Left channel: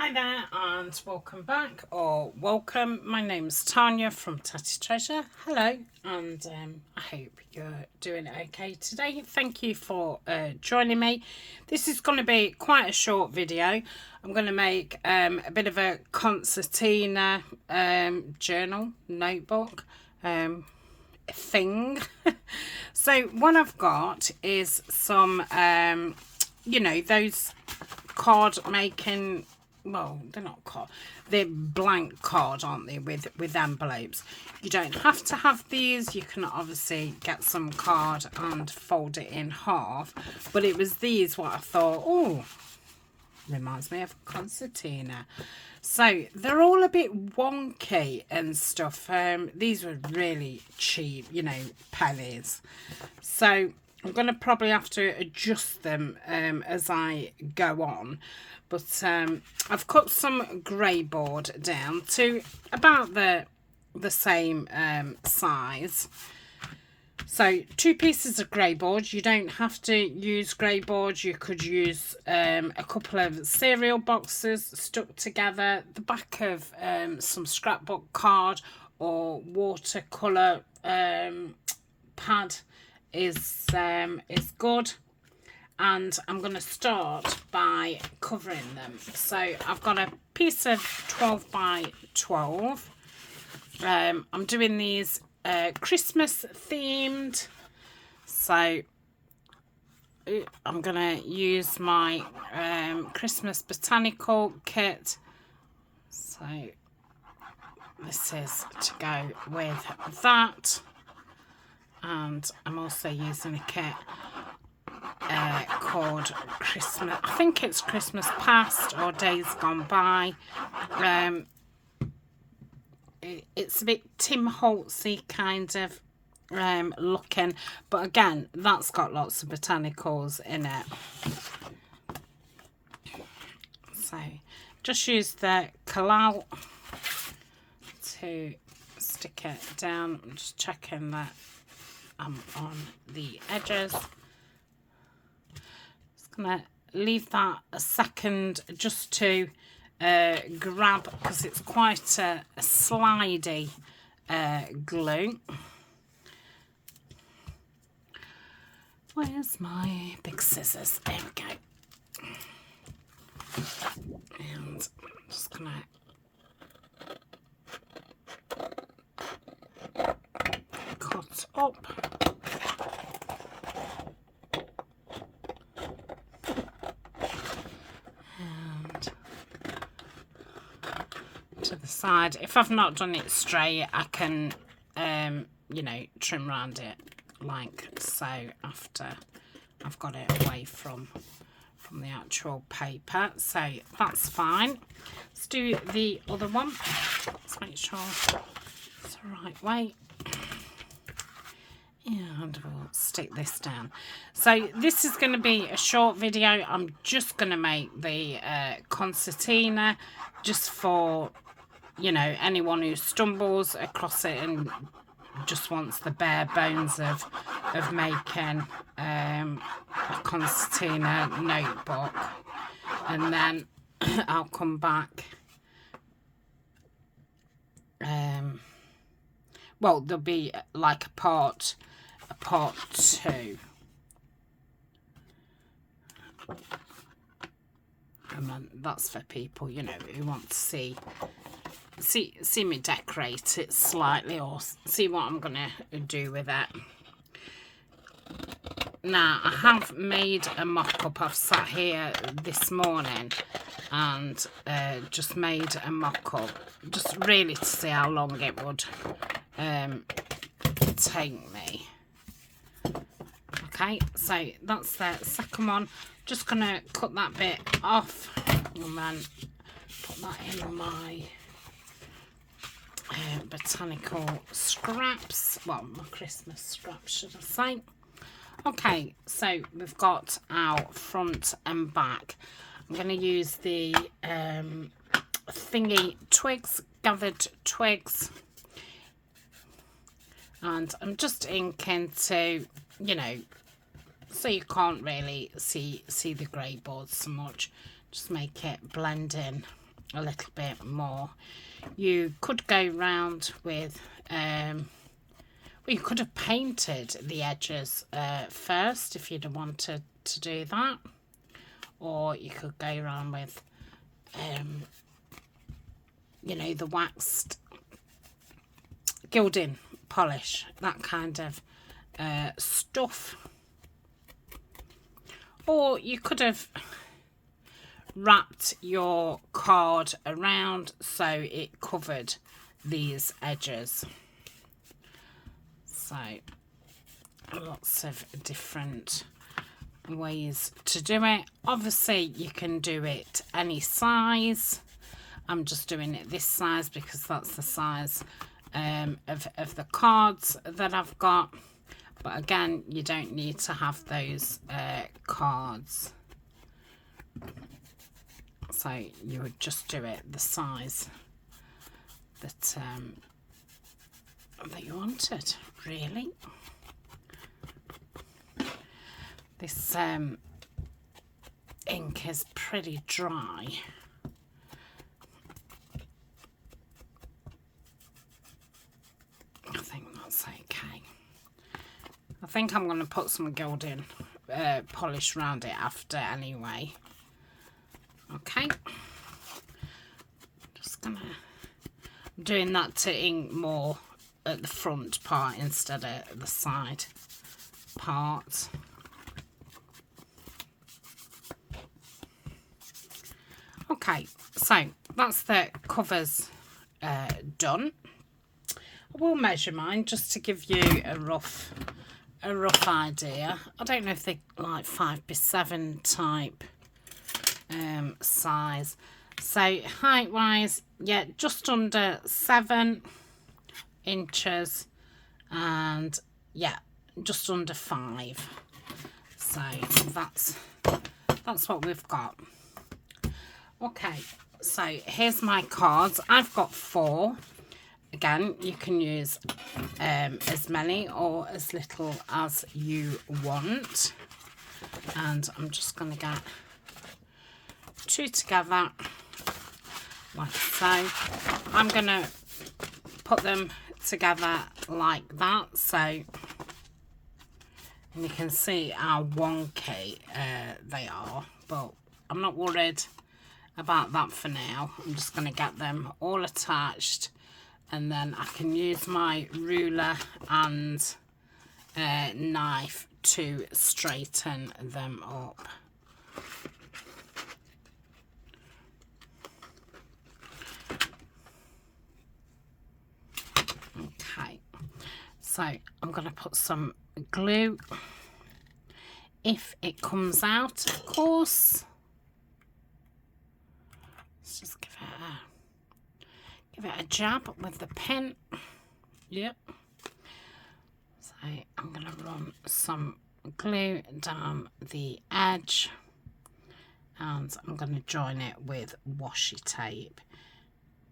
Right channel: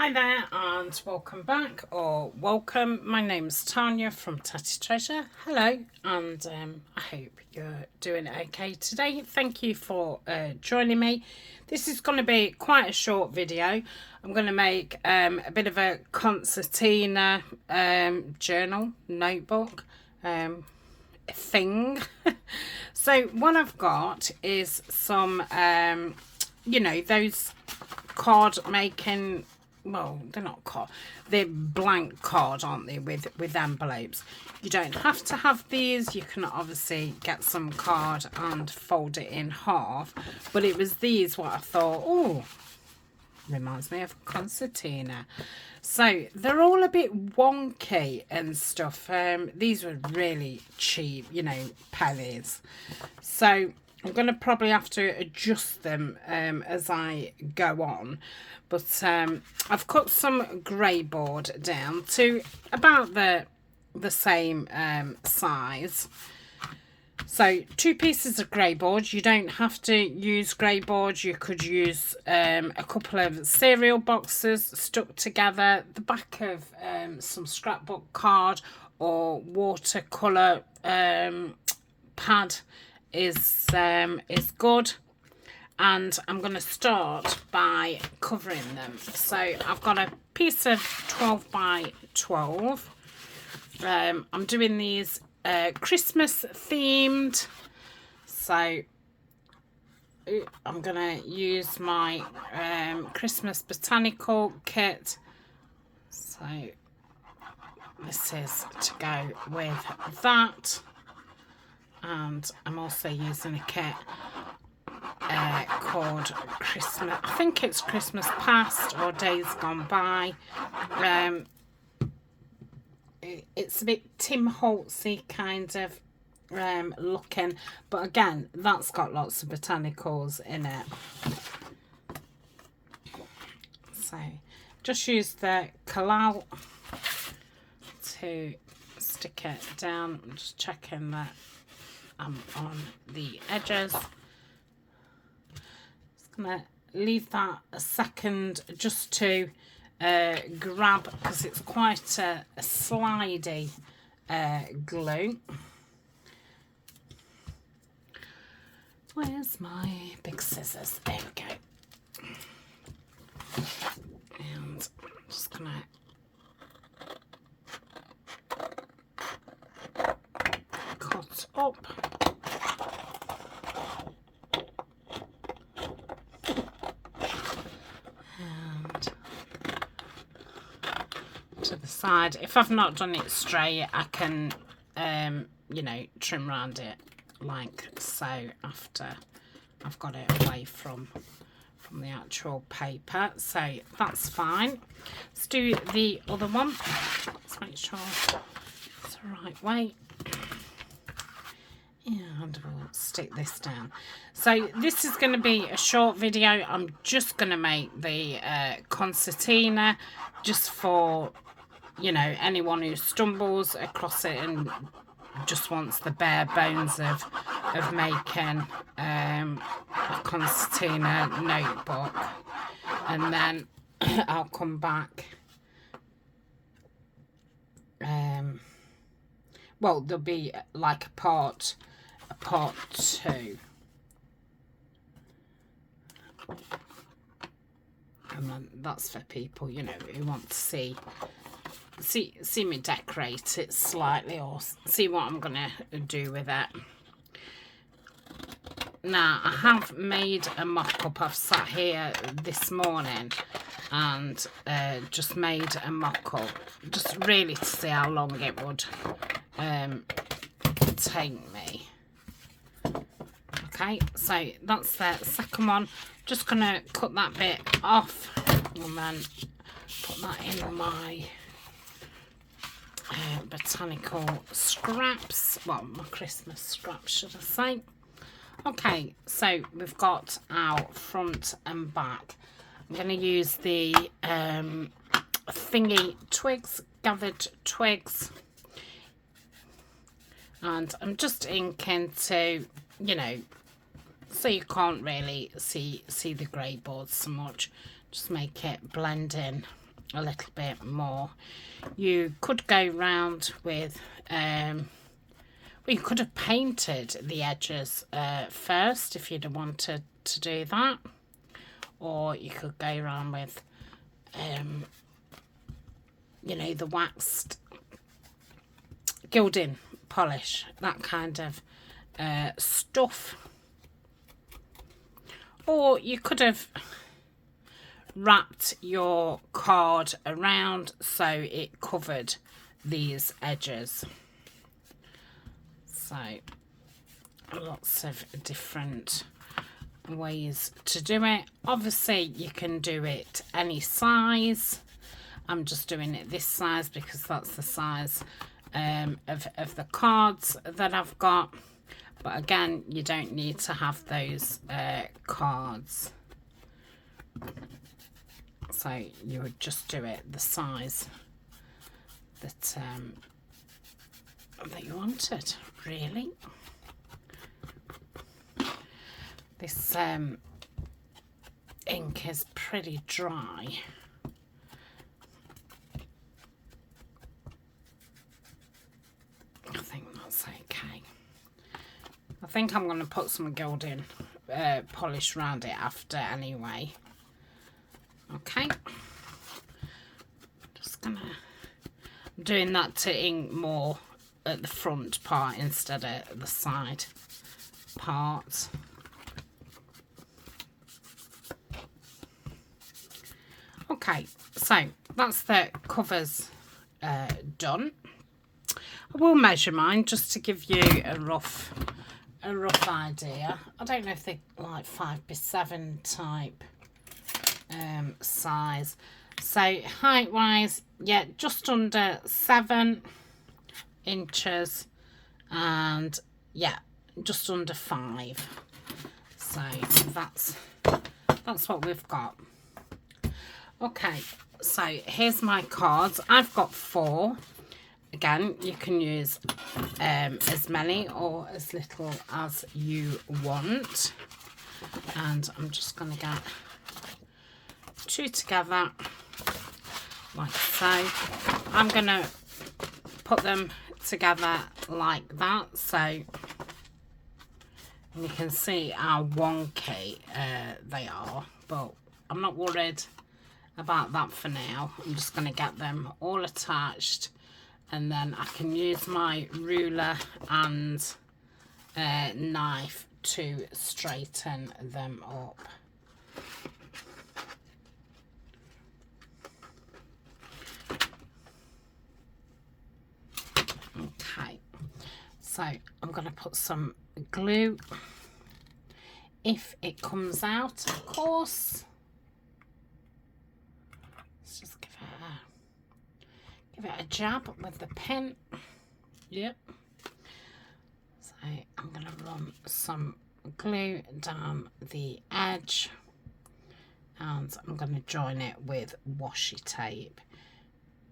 Hi there and welcome back, or welcome. My name's Tania from Tatty Treasure. Hello, and I hope you're doing okay today. Thank you for joining me. This is going to be quite a short video. I'm going to make a bit of a concertina journal, notebook thing. So what I've got is some, those card making, well, they're not card, they're blank card, aren't they, with envelopes. You don't have to have these. You can obviously get some card and fold it in half, but it was these what I thought, oh, reminds me of concertina. So they're all a bit wonky and stuff. These were really cheap, pennies. So I'm going to probably have to adjust them as I go on. But I've cut some grey board down to about the same size. So 2 pieces of grey board. You don't have to use grey board. You could use a couple of cereal boxes stuck together, the back of some scrapbook card or watercolour pad is good. And I'm going to start by covering them. So I've got a piece of 12 by 12. I'm doing these Christmas themed. So I'm going to use my Christmas botanical kit. So this is to go with that. And I'm also using a kit called Christmas, I think it's Christmas Past or Days Gone By. It's a bit Tim Holtzy kind of looking, but again, that's got lots of botanicals in it. So just use the collal to stick it down. I'm just checking that I'm on the edges. Gonna leave that a second just to grab, because it's quite a slidey glue. Where's my big scissors? There we go. And I'm just gonna cut up. To the side. If I've not done it straight, I can trim around it like so after I've got it away from the actual paper. So that's fine. Let's do the other one. Let's make sure it's the right way. And we'll stick this down. So this is going to be a short video. I'm just going to make the concertina just for anyone who stumbles across it and just wants the bare bones of making a concertina notebook. And then I'll come back. Well, there'll be like a part 2. And then that's for people, who want to see me decorate it slightly or see what I'm gonna do with it. Now I have made a mock-up. I've sat here this morning and just made a mock-up, just really to see how long it would take me. Okay, so that's the second one. Just gonna cut that bit off and then put that in my botanical scraps, well, my Christmas scraps should I say. Okay, so we've got our front and back. I'm going to use the thingy twigs, gathered twigs, and I'm just inking to, so you can't really see the grey board so much, just make it blend in a little bit more. You could go round with, well, you could have painted the edges first if you'd have wanted to do that, or you could go around with, you know, the waxed gilding polish, that kind of stuff. Or you could have wrapped your card around so it covered these edges. So lots of different ways to do it. Obviously you can do it any size. I'm just doing it this size because that's the size of the cards that I've got. But again, you don't need to have those cards. So you would just do it the size that that you wanted, really. This ink is pretty dry. I think that's okay. I think I'm going to put some gilding polish around it after anyway. Okay. I'm doing that to ink more at the front part instead of the side part. Okay, so that's the covers done. I will measure mine just to give you a rough idea. I don't know if they're like 5x7 type size. So height wise, yeah, just under 7 inches, and yeah, just under 5. So that's what we've got. Okay, so here's my cards. I've got 4. Again, you can use as many or as little as you want. And I'm just going to get 2 together, like so. I'm going to put them together like that. So you can see how wonky they are. But I'm not worried about that for now. I'm just going to get them all attached. And then I can use my ruler and knife to straighten them up. Okay, so I'm going to put some glue. If it comes out, of course. Let's just give it a jab with the pen. Yep. So I'm going to run some glue down the edge, and I'm going to join it with washi tape.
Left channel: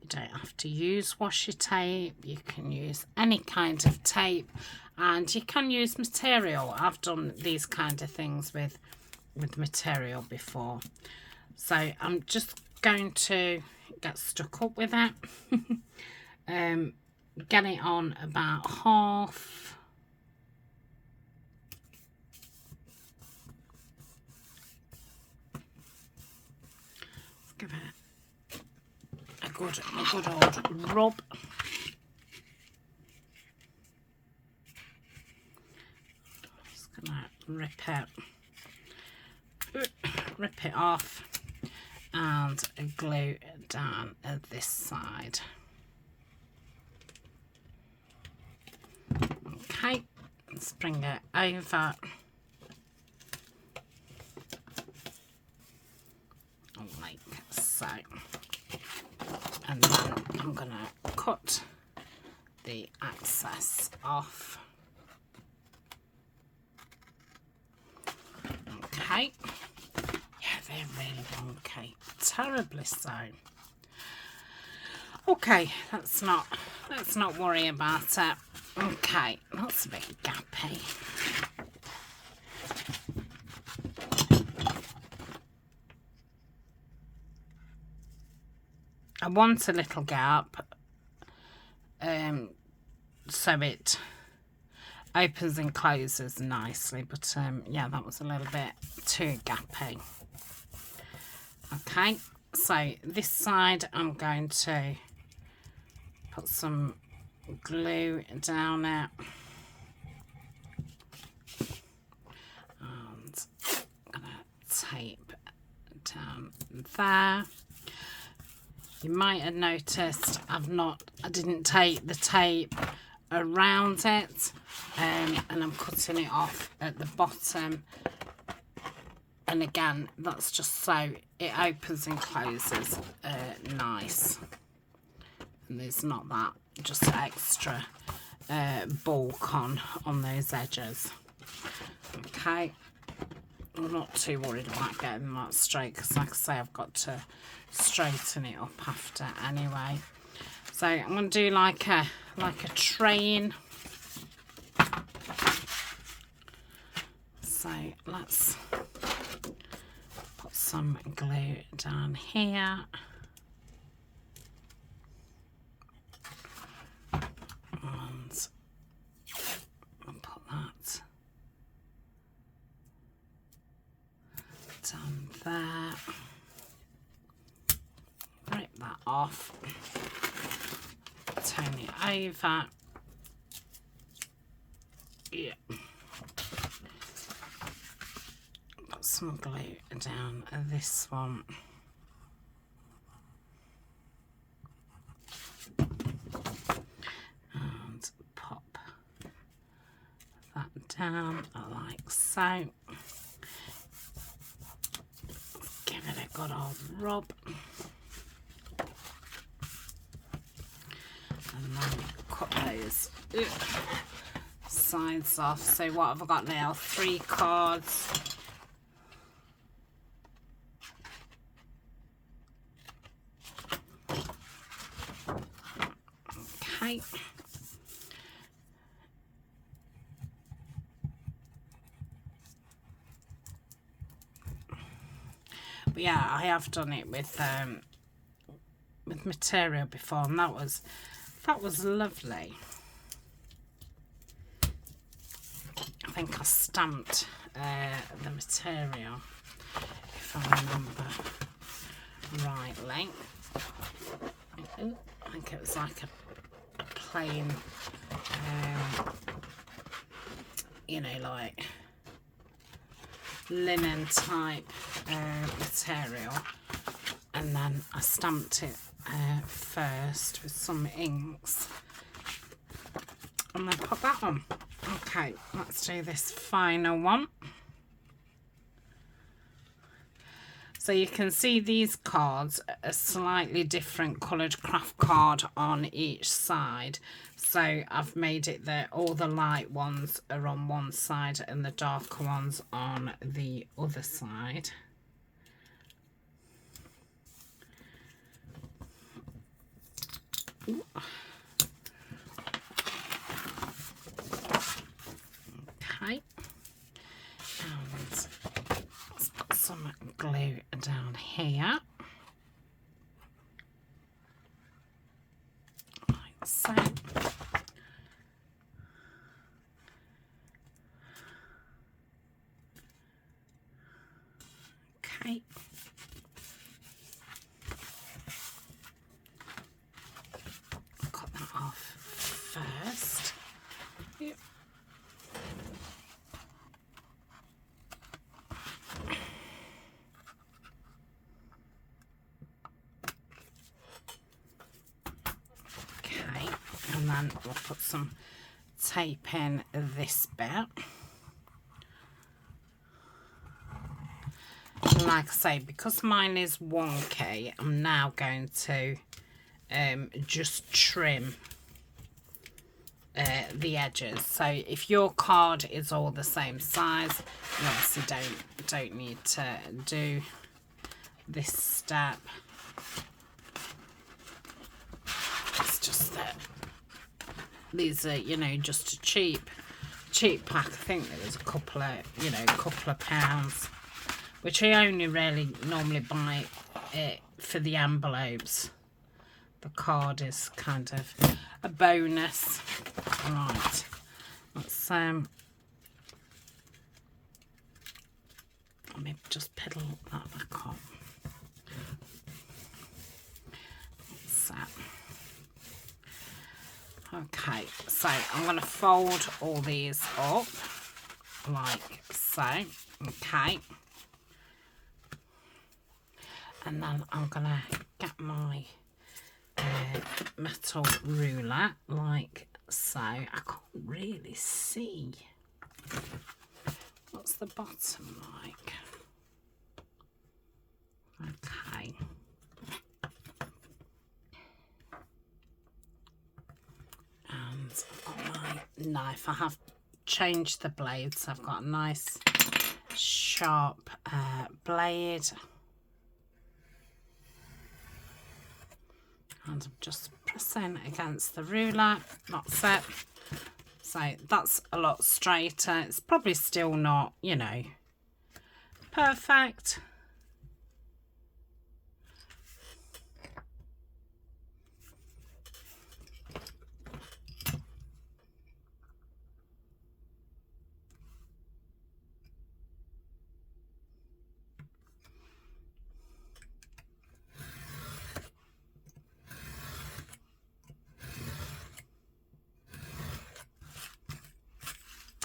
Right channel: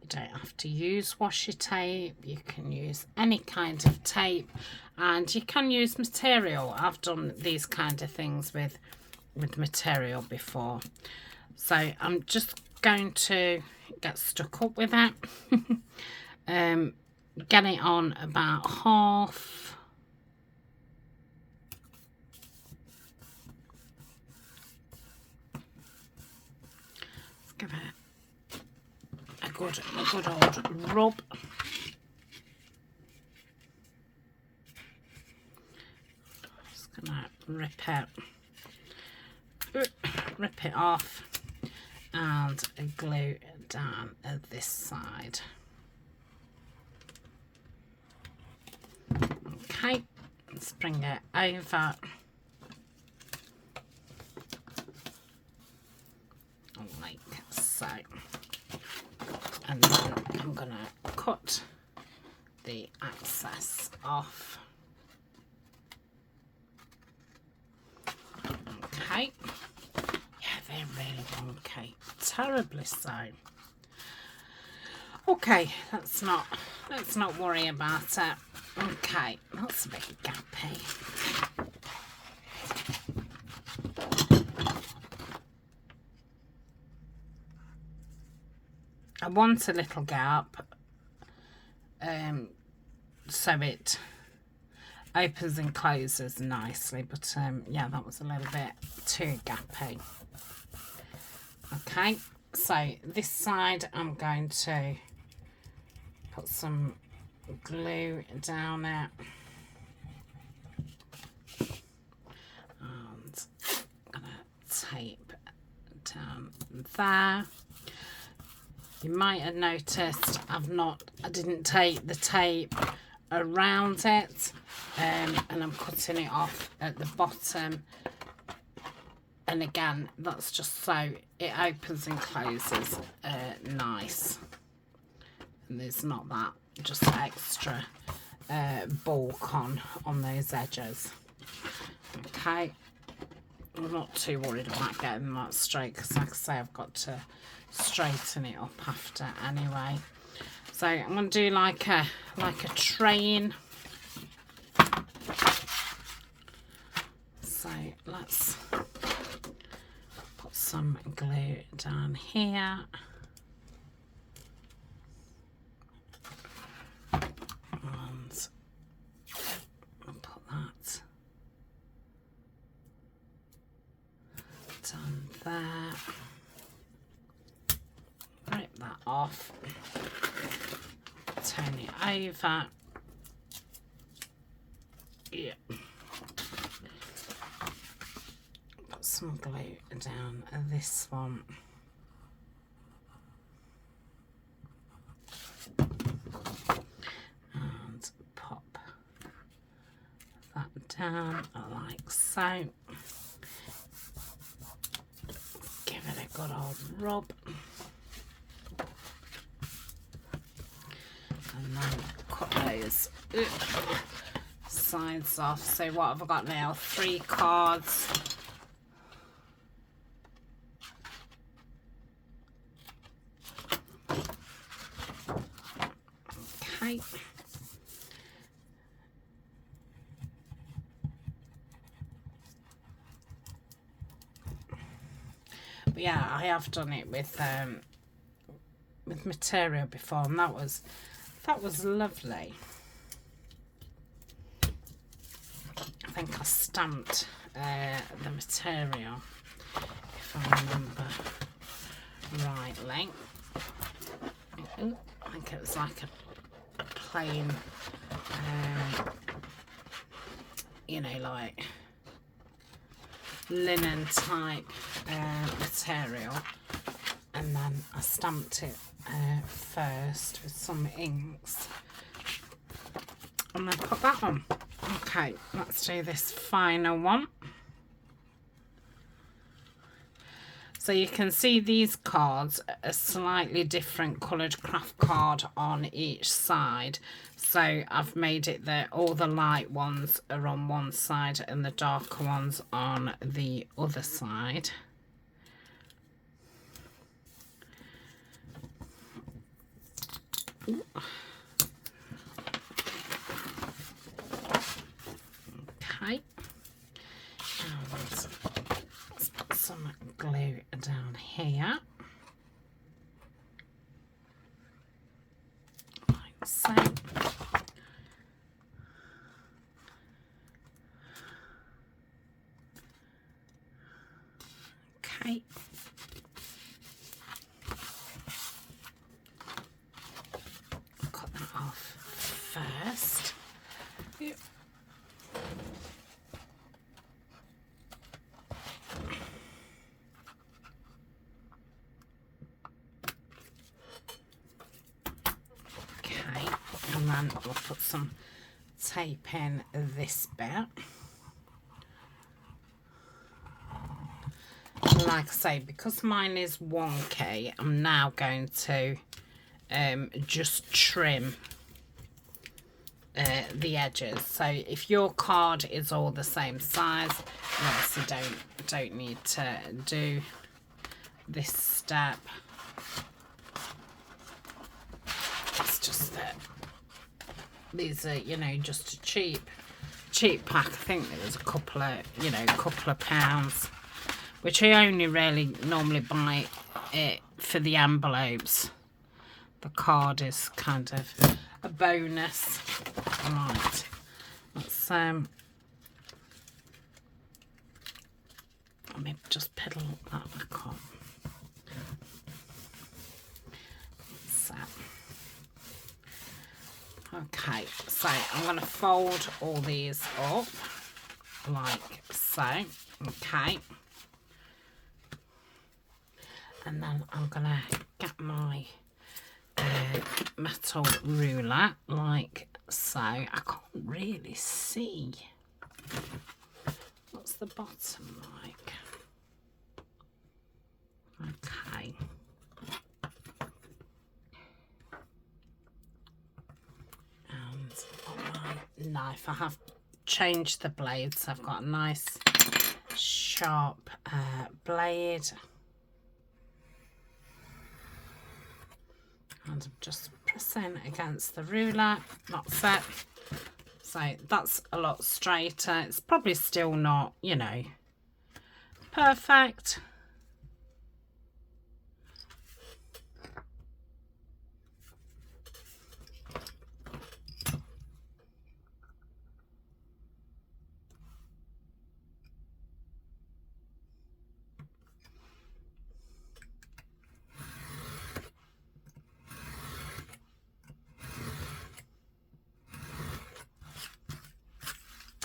You don't have to use washi tape. You can use any kind of tape, and you can use material. I've done these kind of things with material before. So I'm just going to get stuck up with it. Get it on about half. Give it a good old rub. Just gonna rip it off and glue it down at this side. Okay, let's bring it over. Like so. And then I'm going to cut the excess off. Okay. Yeah, they're really wonky. Terribly so. Okay, let's not worry about it. Okay, that's a bit gappy. I want a little gap so it opens and closes nicely, but yeah, that was a little bit too gappy. Okay, so this side I'm going to put some glue down it, and I'm gonna tape down there. You might have noticed I didn't take the tape around it, and I'm cutting it off at the bottom, and again that's just so it opens and closes nice, and there's not that just extra bulk on those edges. Okay, I'm not too worried about getting that straight, because like I say, I've got to straighten it up after anyway. So I'm going to do like a train. So let's put some glue down here. And I'll put that down there. Rip that off. Turn it over. Yeah. Put some glue down this one. And pop that down like so. Give it a good old rub. And then cut those sides off. So what have I got now? 3 cards. Okay. But yeah, I have done it with material before, and that was lovely. I think I stamped the material, if I remember rightly. I think it was like a plain, you know, like linen type material, and then I stamped it first with some inks, and then put that on. Okay, let's do this final one. So you can see these cards are slightly different coloured craft card on each side. So I've made it that all the light ones are on one side and the darker ones on the other side. Ooh. Okay. And let's put some glue down here. Like so. Okay. Cut that off first. Yep. Okay, and then we'll put some tape in this bit. Like I say, because mine is wonky, I'm now going to just trim the edges. So if your card is all the same size, you obviously don't need to do this step. It's just that these are, you know, just a cheap pack. I think there was a couple of pounds, which I only really normally buy it for the envelopes. the card is kind of a bonus. Right, let's let me just pedal that back on. So, okay, so I'm going to fold all these up like so. Okay, and then I'm going to get my metal ruler like so. I can't really see. What's the bottom like? Okay. And on my knife, I have changed the blades. I've got a nice sharp blade. And I'm just pressing against the ruler. That's it. So that's a lot straighter. It's probably still not, you know, perfect.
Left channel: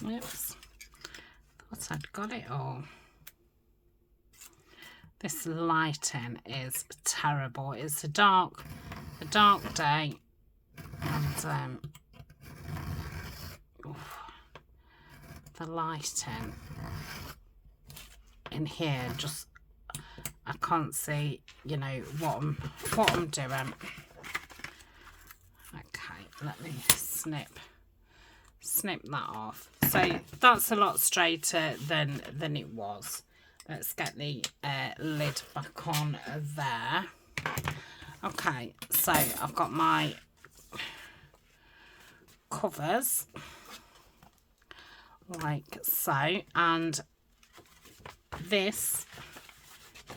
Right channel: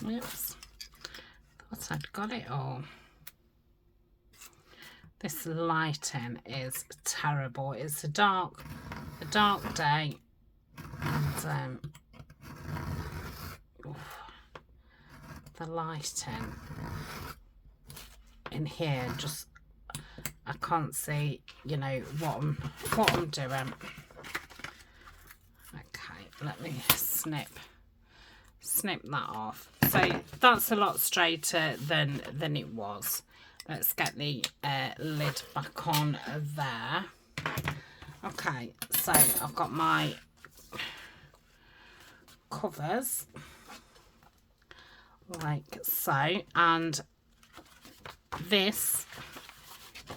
Oops, thought I'd got it all. This lighting is terrible. It's a dark day, and the lighting in here, just I can't see, you know, what I'm doing. Okay, let me snip that off. So that's a lot straighter than it was. Let's get the lid back on there. Okay, so I've got my covers like so, and this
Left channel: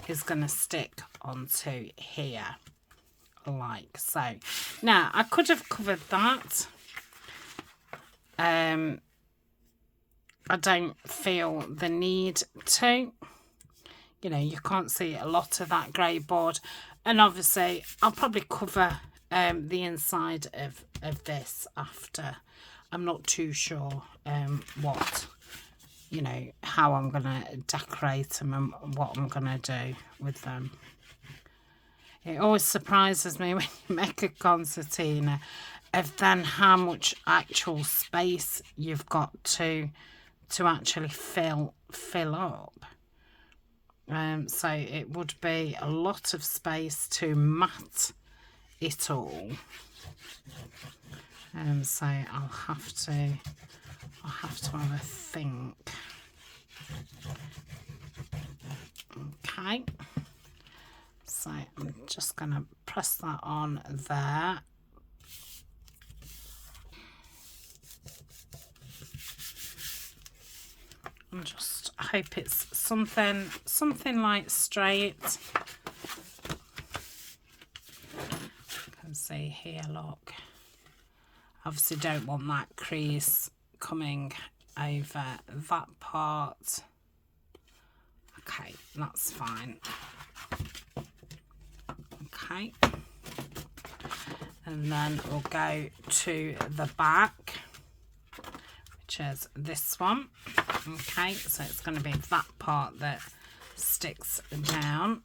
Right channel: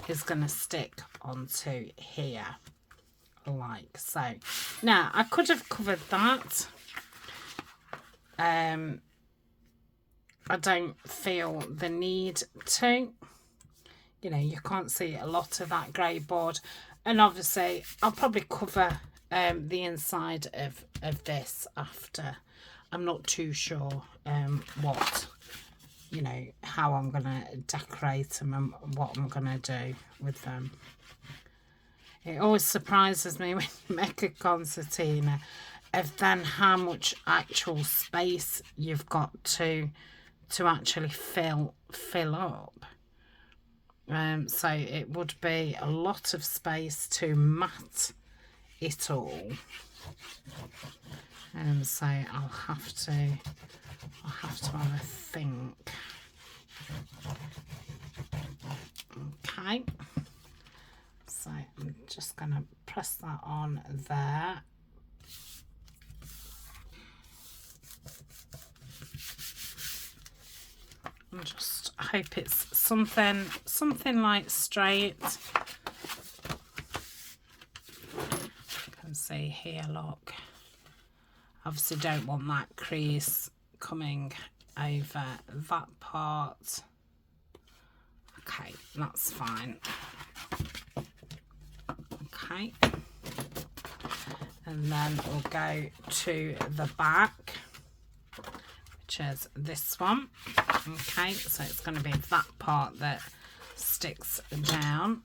is going to stick onto here like so. Now I could have covered that. I don't feel the need to. You know, you can't see a lot of that grey board, and obviously I'll probably cover the inside of this after. I'm not too sure what, you know, how I'm going to decorate them and what I'm going to do with them. It always surprises me when you make a concertina of then how much actual space you've got to actually fill up. So it would be a lot of space to mat it all. So I'll have to have a think. Okay. So I'm just going to press that on there. And just hope it's something like straight. You can see here, look. Obviously don't want that crease coming over that part. Okay, that's fine. Okay. And then we'll go to the back, which is this one. Okay, so it's going to be that part that sticks down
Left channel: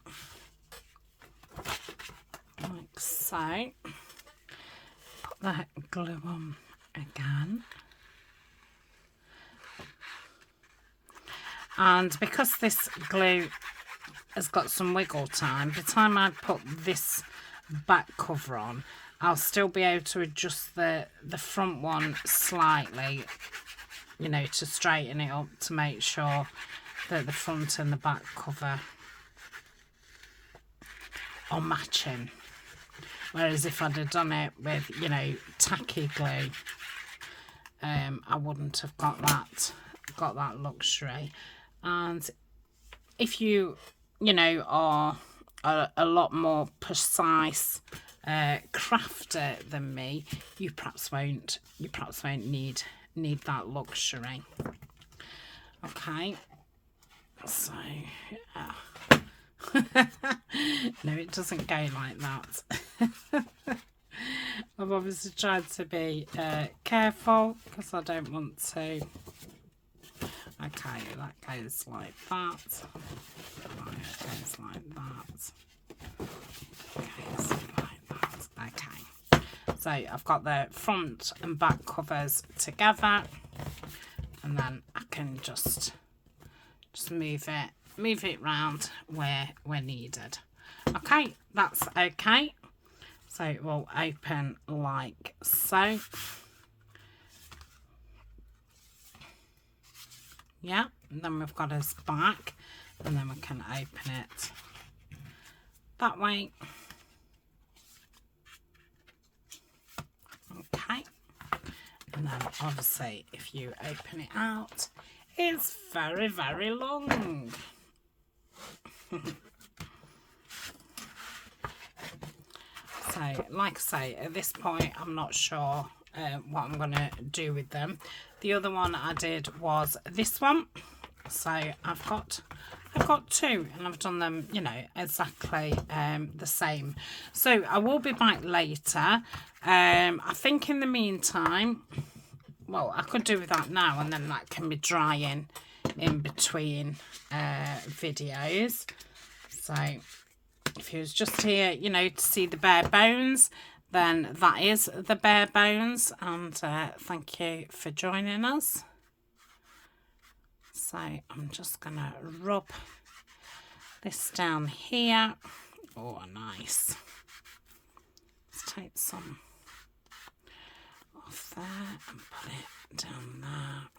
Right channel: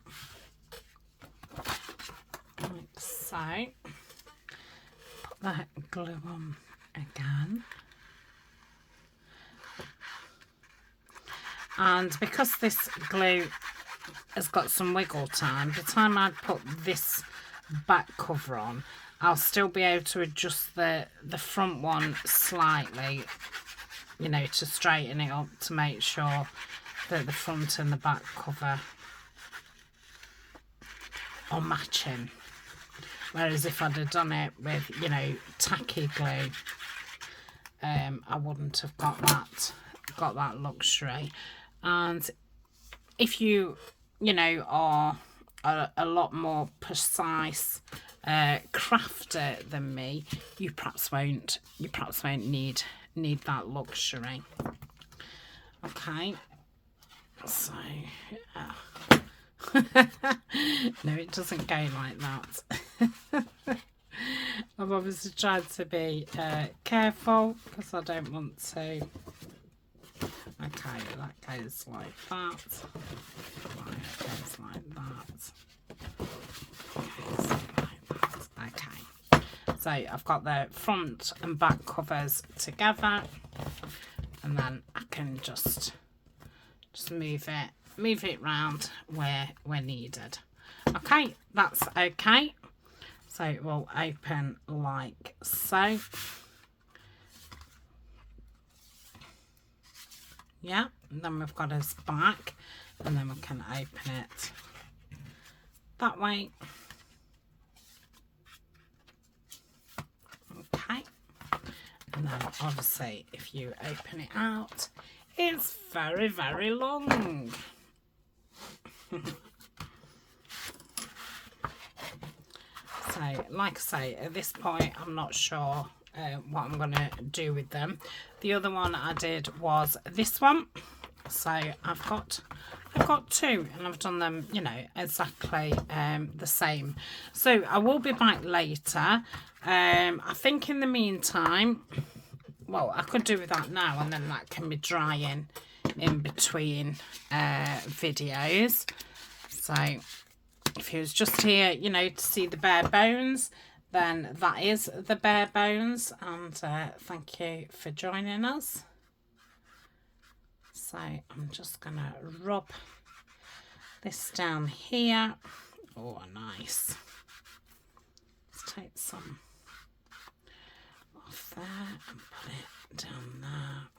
like so. Put that glue on again, and because this glue has got some wiggle time, by the time I put this back cover on, I'll still be able to adjust the front one slightly, you know, to straighten it up, to make sure that the front and the back cover are matching. Whereas if I'd have done it with, you know, tacky glue, I wouldn't have got that luxury. And if you know, are a lot more precise crafter than me, you perhaps won't need that luxury. Okay, so yeah. No, it doesn't go like that. I've obviously tried to be careful because I don't want to. Okay, that goes like that. Right, it goes like that. Goes like that. Okay. So I've got the front and back covers together, and then I can just move it round where needed. Okay, that's okay. So it will open like so. Yeah, and then we've got his back, and then we can open it that way. Okay, and then obviously if you open it out, it's very, very long. So like I say, at this point I'm not sure what I'm going to do with them. The other one I did was this one. So I've got two, and I've done them, you know, exactly the same. So I will be back later. I think in the meantime, well, I could do with that now, and then that can be drying in between videos. So if you was just here, you know, to see the bare bones, then that is the bare bones. And thank you for joining us. So I'm just gonna rub this down here. Oh, nice. Let's take some off there and put it down there.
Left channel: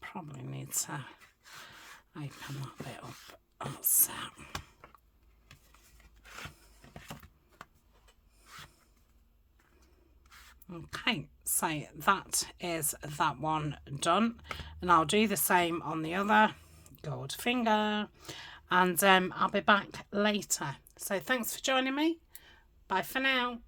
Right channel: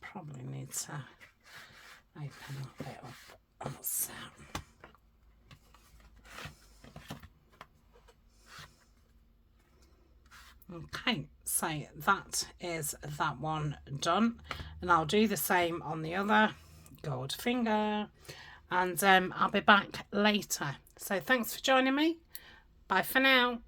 Probably need to open that bit up also. Okay, so that is that one done, and I'll do the same on the other gold finger, and I'll be back later. So thanks for joining me. Bye for now.